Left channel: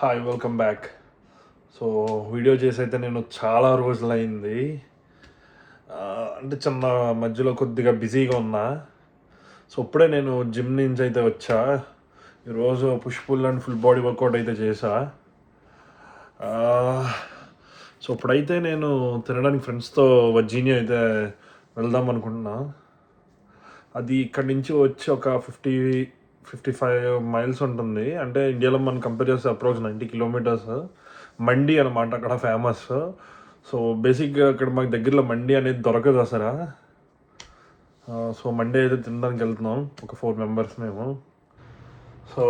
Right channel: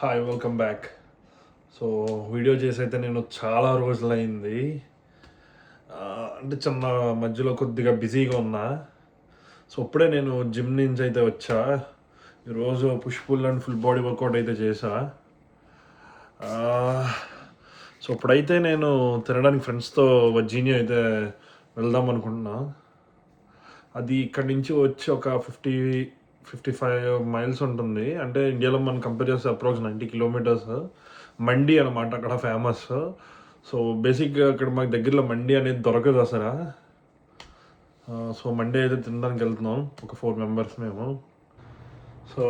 Hi welcome back. So video చేసి అయితే నేను చాలా రోజులైంది. అంటే చిన్న మధ్యలో కొద్దిగా బిజీగా ఉన్నా. సో ఇప్పుడే నేను జిమ్ నుంచి అయితే వచ్చా. ఈరోజు push pull and full body workout అయితే చేశా. సో ఇప్పుడైతే నేను తినడానికి ఫ్రెండ్స్తో వర్జీనియా అయితే వెళ్దాం అనుకుంటున్నా. అది ఇక్కడి నుంచి వచ్చి ఒక 55 మైల్స్ ఉంటుంది. అంటే ఇండియాలో మనం కంపేర్ చేస్తే అప్రాక్స్ 90 కిలోమీటర్స్. మండి అనమాట అక్కడ ఫేమస్. సో బేసిక్గా అక్కడ మాకు దగ్గరలో మండి అనేది దొరకదు అసలు. సో మండే అయితే తినడానికి వెళ్తున్నాం, ఒక 4 మెంబర్స్ మేము. సో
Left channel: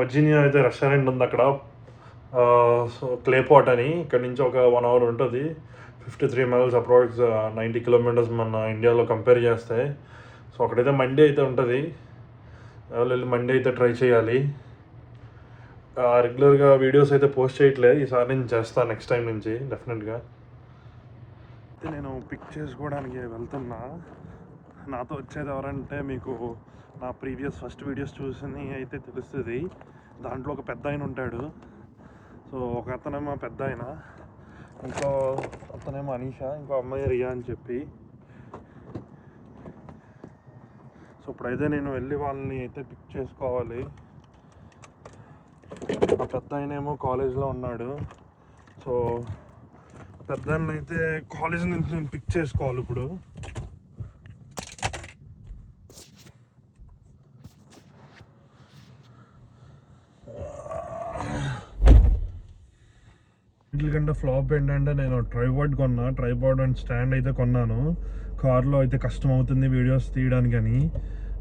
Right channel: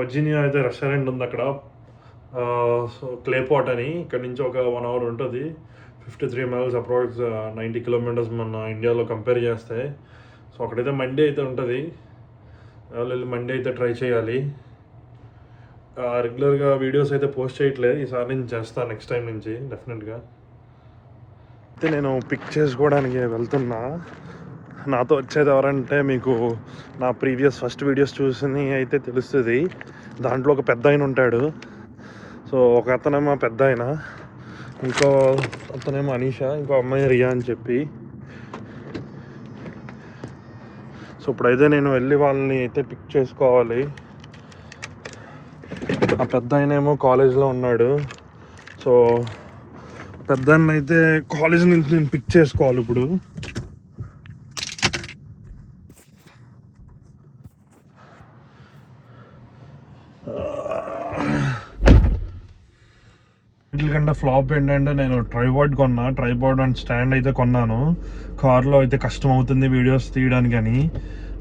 వర్జీనియా అయితే రెస్టారెంట్ ఉంది అక్కడ. సో క్లేపాట్ అని, ఇక్కడ నుంచి ఒక 1 అవర్ ఉంటుంది. 53 మైల్స్ అప్రాక్స్ 90 కిలోమీటర్స్ మన ఇండియాలో కంపేర్ చేస్తే. సో అక్కడైతే మండి అయితే ఉంటుంది. వెళ్ళి మండే అయితే ట్రై చేయాలి. రెగ్యులర్గా వీడియోస్ అయితే పోస్ట్ చేయట్లేదు, ఈసారి నేను చేస్తాను నెక్స్ట్ టైం నుంచి డెఫినెట్గా. అయితే నేను పిక్ చేసుకోవడానికి వెళ్తున్నా. నాతో వచ్చేది ఎవరంటే మీకు నా ప్రీవియస్ ఫస్ట్ వీడియోస్ చూసి అయితే తెలుస్తుంది. దాంట్లో ఒక పెద్ద ఆయన ఉంటాడు. సో ఒక అతనేమో పెద్ద ఆయన, ఇంకో అతనేమో అనీషా, ఇంకో అమ్మాయి రియా అని చెప్పి. సో ఇప్పుడైతే నేను వెళ్ళి వాళ్ళని అయితే పిక్ చేసుకోవాలి. ఆ పెద్ద ఆయన ఏమో కాలేజ్లో ఉన్నాడు. సో పెద్ద అయితే కాలేజ్ నుంచి నేను పిక్ చేసుకోవాలి ఇప్పుడు. వీటికంటే ఫ్లాప్ ఏంటంటే నేను ట్రైపాడ్ అండ్ స్టాండ్ అయితే కొన్నాను. కార్లో అయితే కష్టం అవుతుంది వీడియోస్ తీయడానికి అని.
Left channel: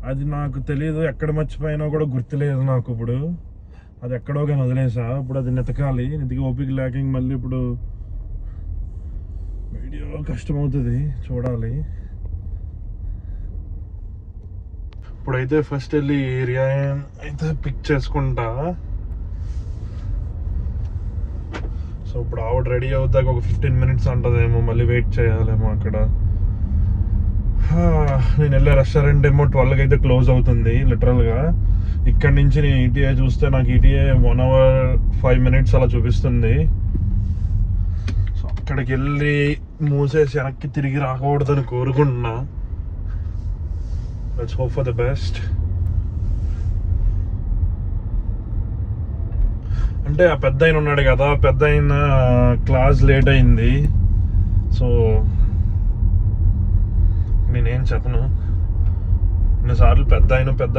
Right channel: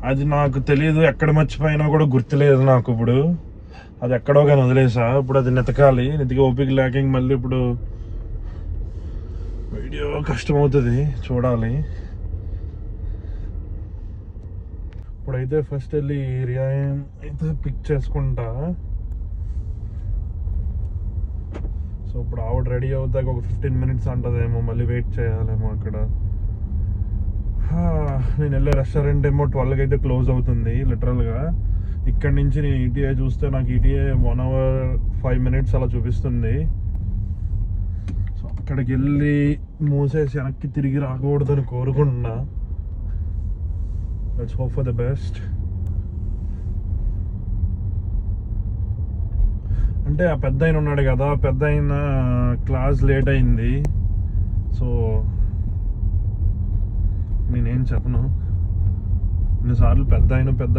అది నాకు తెలియదు, ఎక్కడ మర్చిపోయినా కూడా గుర్తులేదు నాకు. ఇప్పుడు అది ఎక్కడో కానీ వదిలేసా. ఇప్పుడు అది నెతికి ఓపిక లేక మళ్ళీ ఇప్పుడు వీడియో కష్టం అవుతుంది, చూడాలి. ఇప్పుడైతే ఫస్ట్ వెళ్ళి ఏరియా అయితే పిక్ చేసుకుంటా. సో ఇప్పుడు ఆవిడ రెడీ అవుతాక ఒక 15 మినిట్స్ ఉంటుందేమో, మళ్ళీ వెయిట్ చేయాలేమో అక్కడ. నేను వెళ్ళే రెస్టారెంట్ ఏమో 12కి అయితే క్లోజ్ అవుతుంది లిటరల్గా. ఇక్కడ నుంచి నేను ఈటీఏ చూస్తే నాకు ఈటీఏ 1 అవర్ 5 మినిట్స్ అలా చూపిస్తుంది. సో అక్కడికి వెళ్ళి మూసేసి వెనక్కి తిరిగి రాకూడదని కోరుకుంటున్నా. Let's hope for the best. అంటే ఆ పెద్ద ఆయన ఉన్నాడు కదా, పెద్ద ఆయన క్లాస్ లేట్ అయింది. సో నేనేం చెప్పను. కొన్నిసార్లు పెద్ద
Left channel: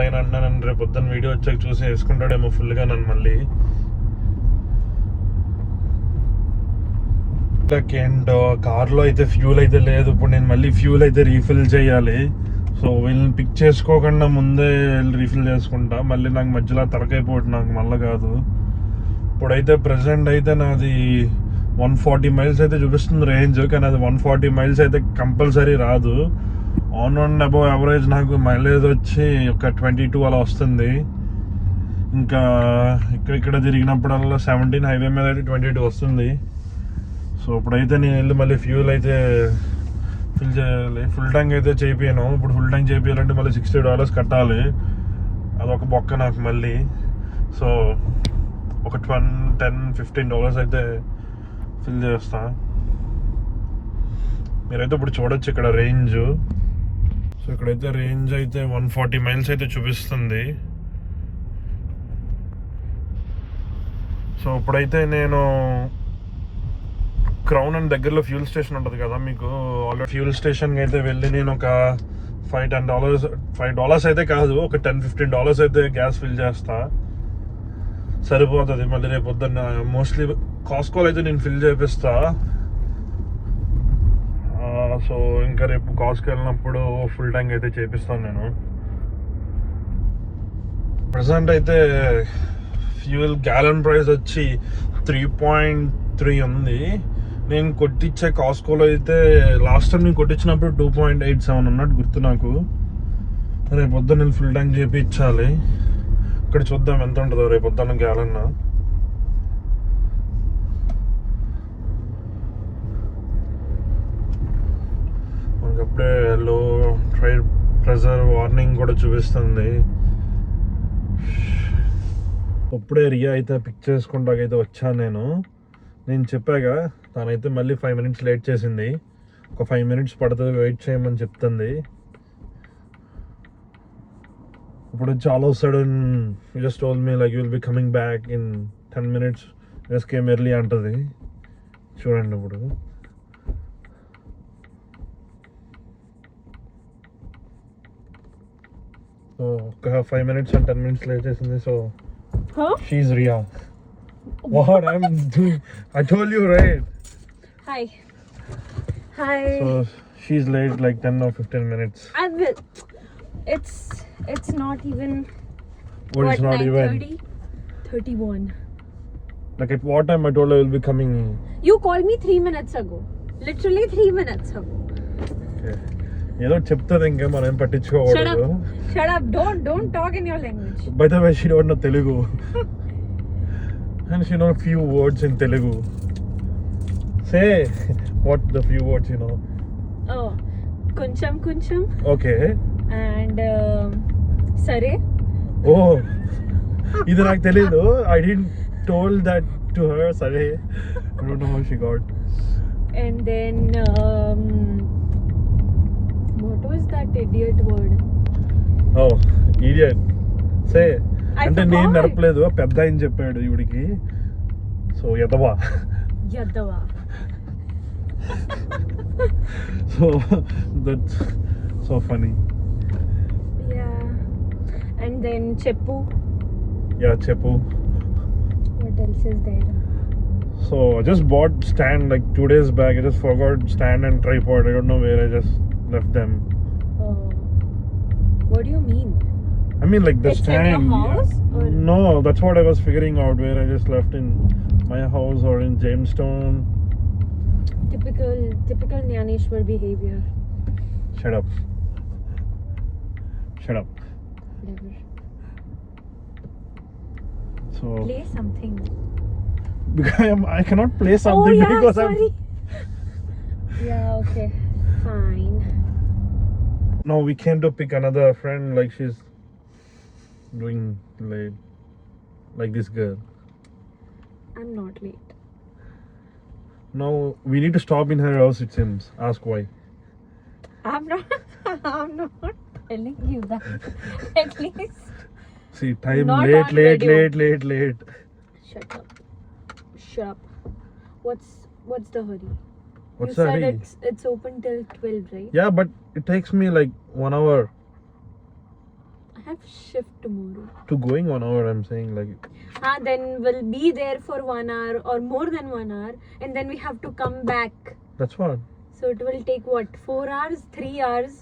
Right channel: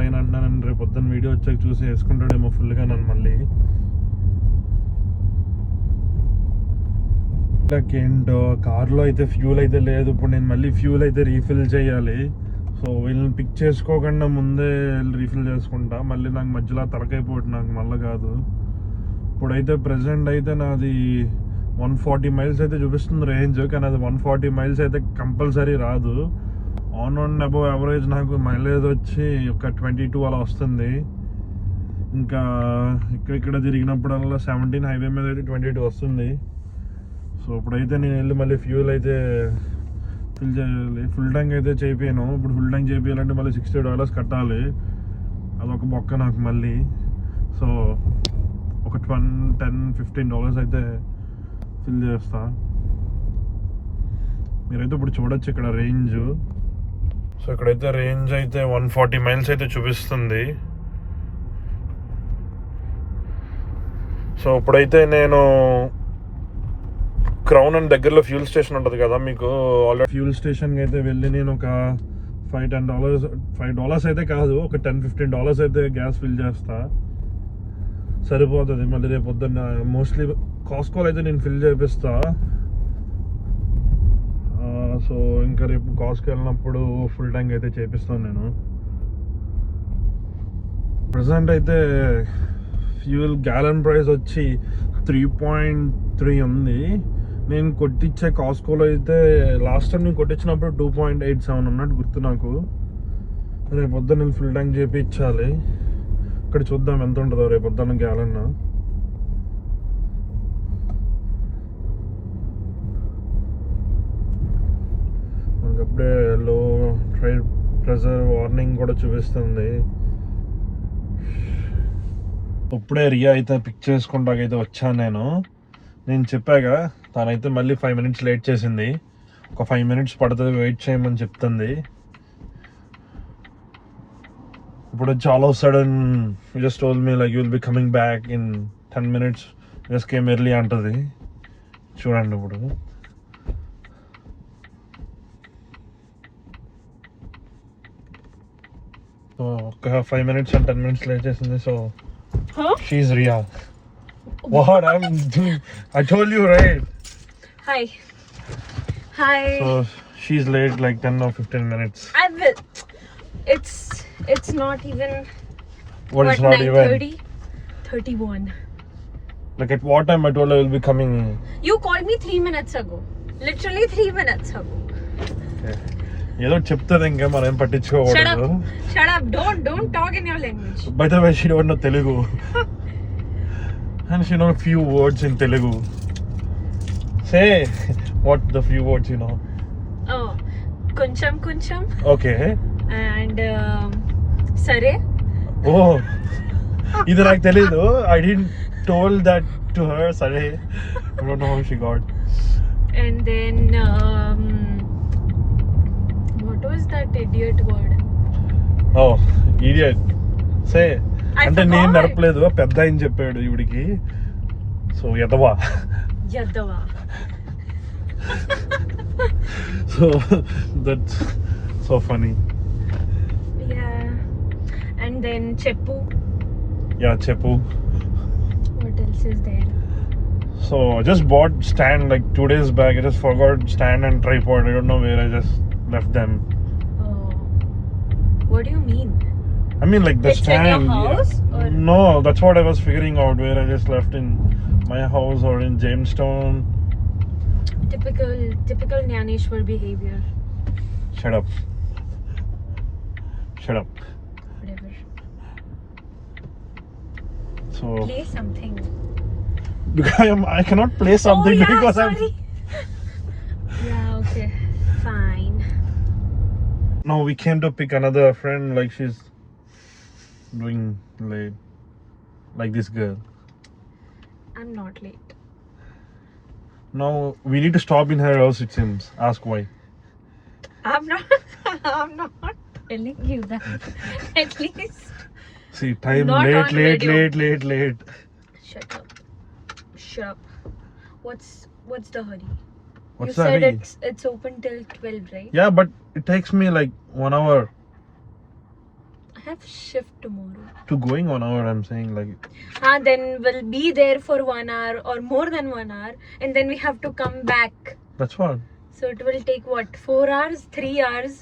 ఆయన అంటున్నాను, రేపు పొద్దున్న వీడియో వచ్చాక చూసి వేసుకుంటాడేమో ఫుల్గా నన్ను మళ్ళీ. ఏంటో కార్లో అయితే ఫ్యూల్ అయితే లేదు. ఇప్పుడు నేను మళ్ళీ ఫ్యూల్ అయితే రీఫిల్ చేయాలి. సో వీళ్ళని పిక్ చేసుకోకుండా ముందే రీఫిల్ చేసుకుంటా. మళ్ళీ నాకు మధ్యలో తరకైపోటు, నాకు మళ్ళీ కాదు. ఇప్పుడైతే ప్రజెంట్ అయితే నాది 140 మైల్స్ అయితే చూపిస్తుంది రేంజ్, కానీ అది 140 మైల్స్ అయితే కంపల్సరీ రాదు. ఆన్ అండ్ అబౌవ్ యావరేజ్ నాకు మైలేజ్ వచ్చి ఒక 22 అలా వస్తుంది. ఇంకా ఇక్కడ తిరిగినప్పుడల్లా 17 హైవే మీద అయితే 22 వస్తుంది. సో ఇప్పుడైతే నేను వెళ్ళి మళ్ళీ ఫ్యూల్ అయితే ఫిల్ చేయాలి. ఫుల్ ట్యాంక్ అయితే చేయించాను. ఇప్పుడు ఫుల్ ట్యాంక్ చేయించాలంటే మళ్ళీ $60 కట్టాలి. అదొక బొక్క నాకు మళ్ళీ. సో ఒక $10-15 అయితే ఫిల్ చేస్తా. మీరైతే ఇప్పుడు చూడొచ్చు ఇక్కడ రేంజ్. సో ఇక్కడైతే రేంజ్ అయితే 140 మైల్స్ అయితే చూపిస్తుంది. సో ఇప్పుడైతే నేను క్రౌన్ అండ్ దగ్గరలో ఫ్యూల్ స్టేషన్ ఉంటుంది కదా మీకు, ఆల్రెడీ ఫ్యూల్ స్టేషన్కి అయితే వెళ్ళి నేను ఒక $5 అయితే కాదు, ఒక $10-15 అయితే గ్యాస్ ఫిల్ చేస్తా, సరిపోతుంది. మళ్ళీ రేపు పొద్దున్న మోస్ట్లీ కాస్కోలో అయితే నేను ఫిల్ చేపిస్తా. సో ఇంకా రేపు కాస్ట్కి వెళ్ళినప్పుడు ఫుల్ ట్యాంక్ అయితే చేపిస్తాను నేను. ప్రజెంట్ అయితే ఫ్యూల్ గ్యాలన్ ప్రైస్ వచ్చి 3.3 ఉంది. నేను కొట్టించే కాస్కోలో అయితే లాస్ట్ టైం నేను కొట్టించినప్పుడు 2.87 అన్నట్టు గుర్తు నాకు. రేపు పొద్దున్న నేను ఫుల్ ట్యాంక్ చేయించాలి. ఇక్కడ చూద్దాం ఎంత ఉంటుందో రేపు పొద్దున్న గ్యాలన్. మనకప్పుడే లో ప్రెజర్ వార్నింగ్ కూడా చూపిస్తుంది. ఇప్పుడే రియా అయితే పిక్ చేసుకుంటాకైతే వచ్చాను నేను చెప్పాగా తనైతే మళ్ళీ 5 minutes లేట్ చేసింది. ఒక 5 minutes పడుతుంది, వెయిట్ చేయమని చెప్తుంది. ఇప్పుడు వచ్చి all of sudden just told me like you will be coming back in 10 minutes, just came early అంటది. చూడండి ఇప్పుడు ఒక 5 minutes and 10 minutes లేట్ చేసింది. సో షీఈ్ రియా. What I'm doing, I told you, right? Hi. So she's late like 10 or 15 minutes. I will. It's not even. What is not even? 9:30? 31. Like at what time I told her I will be coming? You called me 3 minutes ago. Literally 3 minutes ago. ఏదో చెప్తుంది ఇంకా మనం పట్టించుకోకూడదు. Shut up. Don't talk in your language. By the way, she don't know Telugu. And she know a few words in Telugu. Say what the few words you know. Oh, kuncham. Okay. And sare. Oh, ఇది నాకు తెలీదు. I didn't told that to her. Sare. I don't know how she got. And then what was that idiot word? Oh, idiot. Say. I అంటే నేను forgot. నడపలేదు, పెద్ద ఆయన చెప్పాడు ఇవిడికి. సో యదవా. So that's so funny. Yeah. And then cheppu. Yeah, Cheppu. What else is there? So I just bought stand like 2 days back. I just forgot stand and tripod. I don't know where I just left them. Oh. What do you mean? I mean like the It's in stand. your house, or? No, that's what I was figuring out, where I just left in my house or in Jamestown. Typical Nyaneshwar behavior. Shut up. Whatever. So Play something. I cannot play something oh yeah, because sorry. Yeah, okay. Fine. Now we came to pick another friend, like she's doing late, like this girl. I'm not late. Now we need to stop in her house, it seems. Ask why. I'm not telling you that. At least. See, time Not late, on late, video. late, late. Shut up. What's the hurry? What's you the said hurry? it's open till 12, right? Yeah, but it takes me like 1 hour I have shift tomorrow. to going 1 hour. I'm saying like Then we'll be there for 1 hour or more than 1 hour, and then we have to come back. that's what. So it will take what? 4 hours? 3 hours?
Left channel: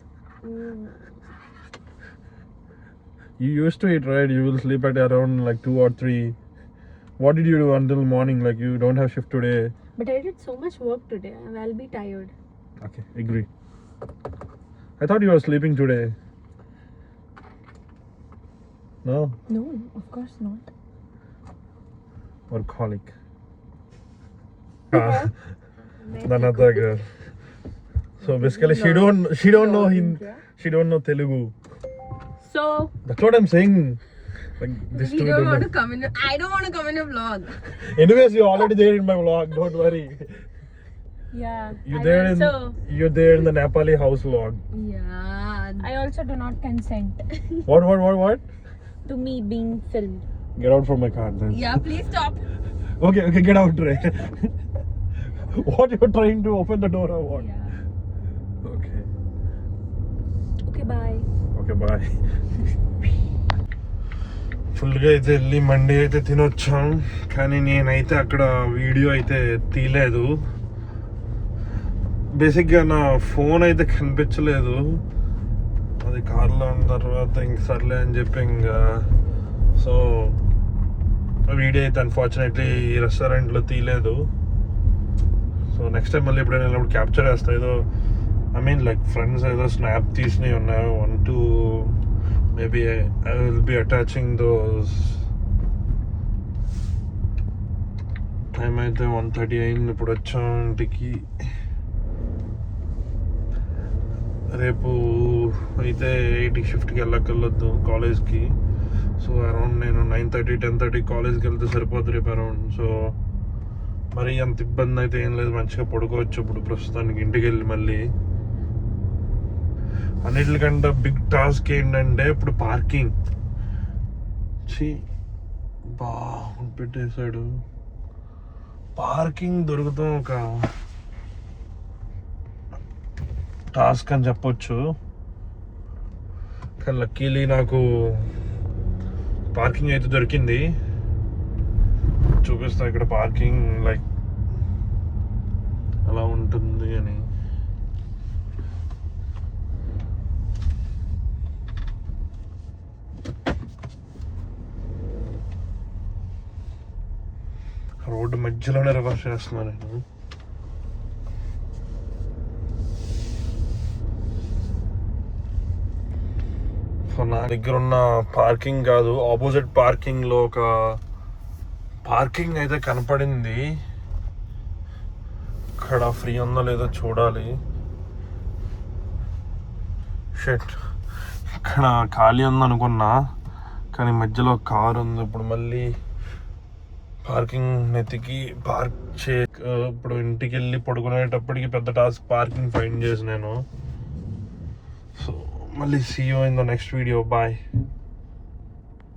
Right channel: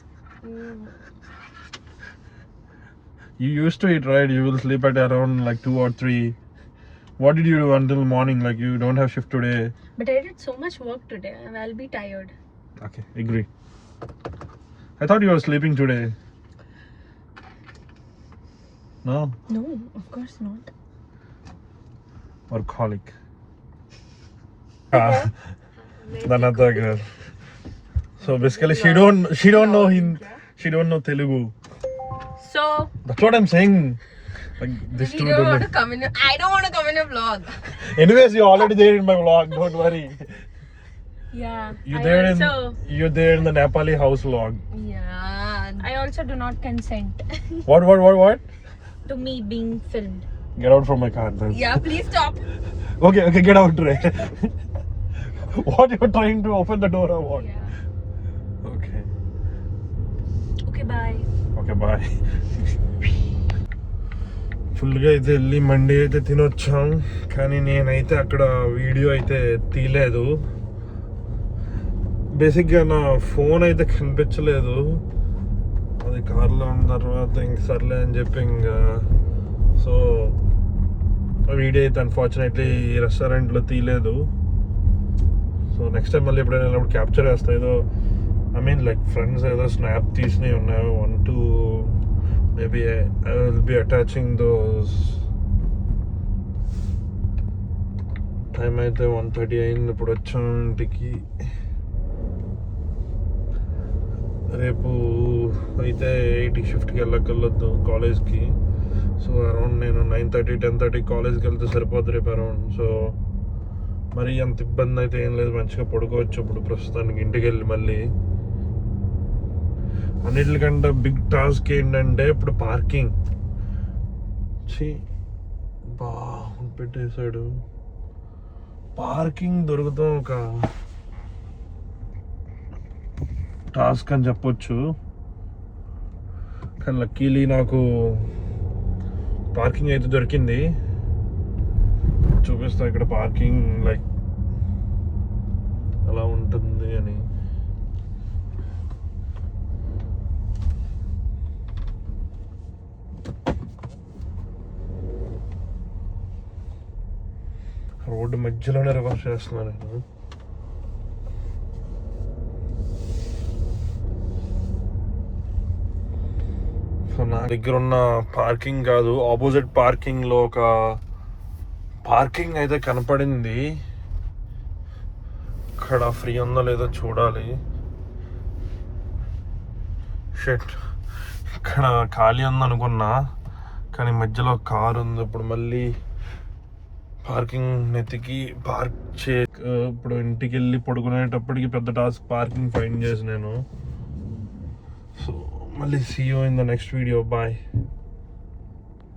You used to it, right? You will sleep at around like 2 or 3. What did you do until morning? Like you don't have shift today. But I did so much work today. I'll be tired. Okay, agree. I thought you were sleeping today. No? No, of course not. Workaholic. Another girl. So basically she don't know she don't know Telugu. So That's what I'm saying. Like this You two don't don't want know. to come in. I don't want to come in a vlog. Anyways, you're already there in my vlog. Don't worry. yeah, You're there in the Nepali house vlog. Yeah. I also do not consent What? to me being filmed. Get out from my car, then. Yeah, please stop. Okay, get out, Ray. What, you're trying to open the door or what? Yeah. Okay. Okay, bye. Okay, bye. ఫుల్గా అయితే వెళ్ళి మండి అయితే తినొచ్చాం, కానీ నేనైతే అక్కడ వీడియో అయితే తీయలేదు. బేసిక్గా నా ఫోన్ అయితే కనిపించలేదు, అది కార్లో ఉన్న తర్వాత ఇంక సర్లే అని చెప్పి ఇంకా సో వీడియో అయితే అన్ఫార్చునేట్లీ రెస్టారెంట్లో తీయలేదు. సో నెక్స్ట్ టైం మళ్ళీ ఎప్పుడైనా వెళ్ళినప్పుడు క్యాప్చర్ చేస్తా. ఏదో ఐ మీన్ లైక్ ఫ్రెండ్స్ ఏదో స్నాప్ తీసినవి ఉన్నాయి, 1-2 maybe I will be attaching those. Time అయితే 1:30 అయింది. ఇప్పుడు వచ్చాం ఇంటికి. రేపు అయితే 8 షిఫ్ట్కి వెళ్ళొద్దు కాలేజ్కి. సో అరౌండ్ నేను 9:30 10:30 కాలేజ్కి వెళ్తే సరిపోతుంది రేపు అరౌండ్. సో మరి అంత ఇబ్బంది అయితే ఏం లేదు, మంచిగా పడుకోవచ్చు ఇప్పుడు ప్రస్తుతానికి ఇంటికి వెళ్ళి. మళ్ళీ అన్నిటికంటే బిగ్ టాస్క్ ఏంటంటే ఇప్పుడు పార్కింగ్. పెట్టేశాడు. పార్కింగ్ దొరుకుతాం ఒక టాస్క్ అని చెప్పొచ్చు. కానీ లక్కీలీ నాకు పార్కింగ్ అయితే దొరికింది. చూపిస్తా ఇక్కడ పార్కింగ్ లైక్ అలా ఉంటుంది అని. రోడ్డు మధ్యలోనే రివర్స్ చేస్తున్నాను నేను. సో నా దగ్గర ఉన్న పార్కింగ్ కాదు, ఆపోజిట్ పార్కింగ్లో ఒక పార్కింగ్ అయితే కనపడింది. ఇక్కడ ఫ్రీ ఉందో లేదో చూడాలి. షెట్, ఇక్కడ ఖాళీ ఉందనుకున్నా కానీ మధ్యలో కార్ ఉంది. ఇప్పుడు మళ్ళీ పార్కింగ్ వెతికి పార్క్ ఇప్పుడు ఇంటికి వెళ్ళి పడుకునేటప్పటికి పెద్ద టాస్క్ పార్కింగ్ ఫైండ్ చేసి నేను. సో మళ్ళీ see you in the next video. Bye.